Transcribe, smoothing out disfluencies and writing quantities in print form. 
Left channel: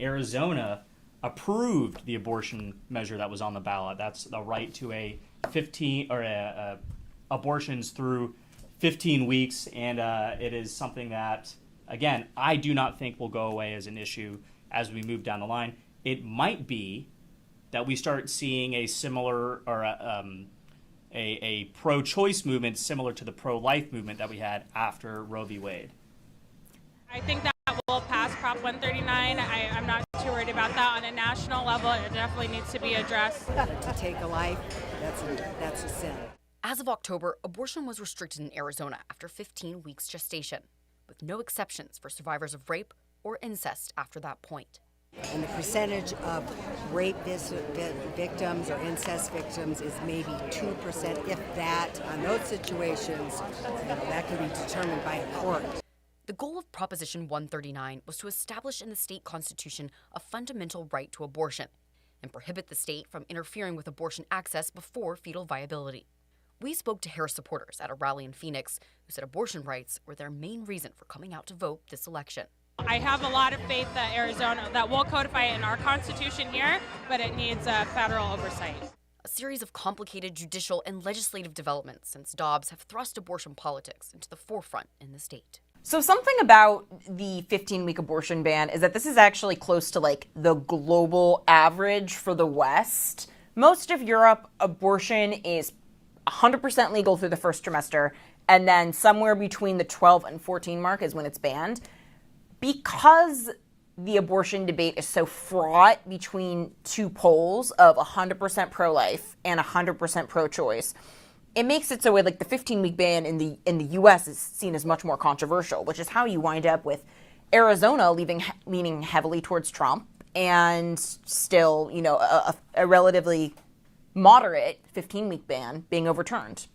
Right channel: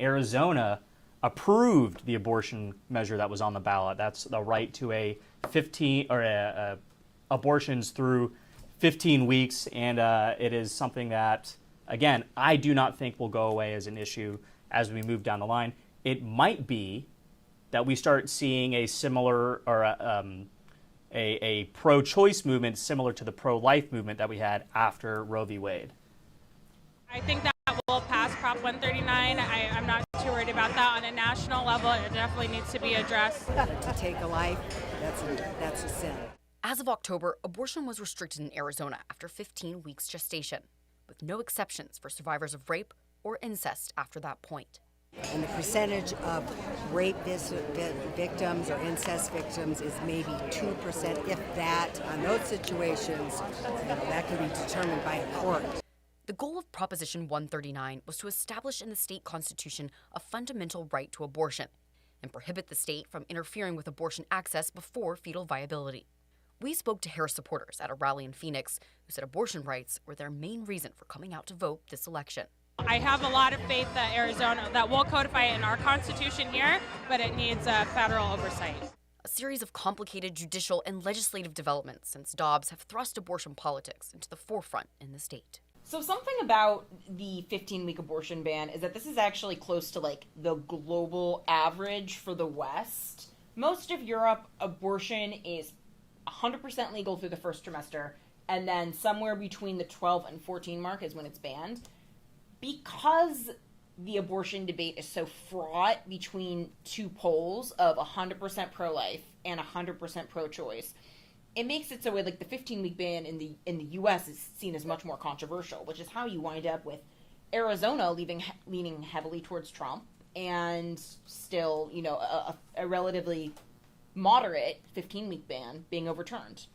Arizona approved the abortion measure that was on the ballot. That's the right to abortions through 15 weeks, and it is something that, again, I do not think will go away as an issue as we move down the line. It might be that we start seeing a similar or a pro-choice movement similar to the pro-life movement that we had after Roe v. Wade. I think that will pass Prop 139. I'm not too worried about that. On a national level, it definitely needs to be addressed. To take a life, that's a sin. As of October, abortion was restricted in Arizona after 15 weeks gestation, with no exceptions for survivors of rape or incest after that point. And the percentage of rape victims or incest victims is maybe 2%, if that. On those situations, that can be determined by a court. The goal of Proposition 139 was to establish in the state constitution a fundamental right to abortion and prohibit the state from interfering with abortion access before fetal viability. We spoke to Harris supporters at a rally in Phoenix who said abortion rights were their main reason for coming out to vote this election. I have a lot of faith that Arizona, that we'll codify it in our Constitution here, but it needs federal oversight. A series of complicated judicial and legislative developments since Dobbs have thrust abortion politics into the forefront in the state. So something about the 15-week abortion ban is that this is actually close to like the global average for the West. Most of Europe, abortion is 100% legal through the first trimester, and then somewhere between the 12 and 14 mark is when it's banned. Because the abortion debate is so fraught between two poles of 100% pro-life and 100% pro-choice, it makes it so like the 15-week ban in the U.S. is seen as much more controversial, which is how you wind up with Arizona leaning heavily towards Trump and still, a relatively moderate 15-week ban being overturned.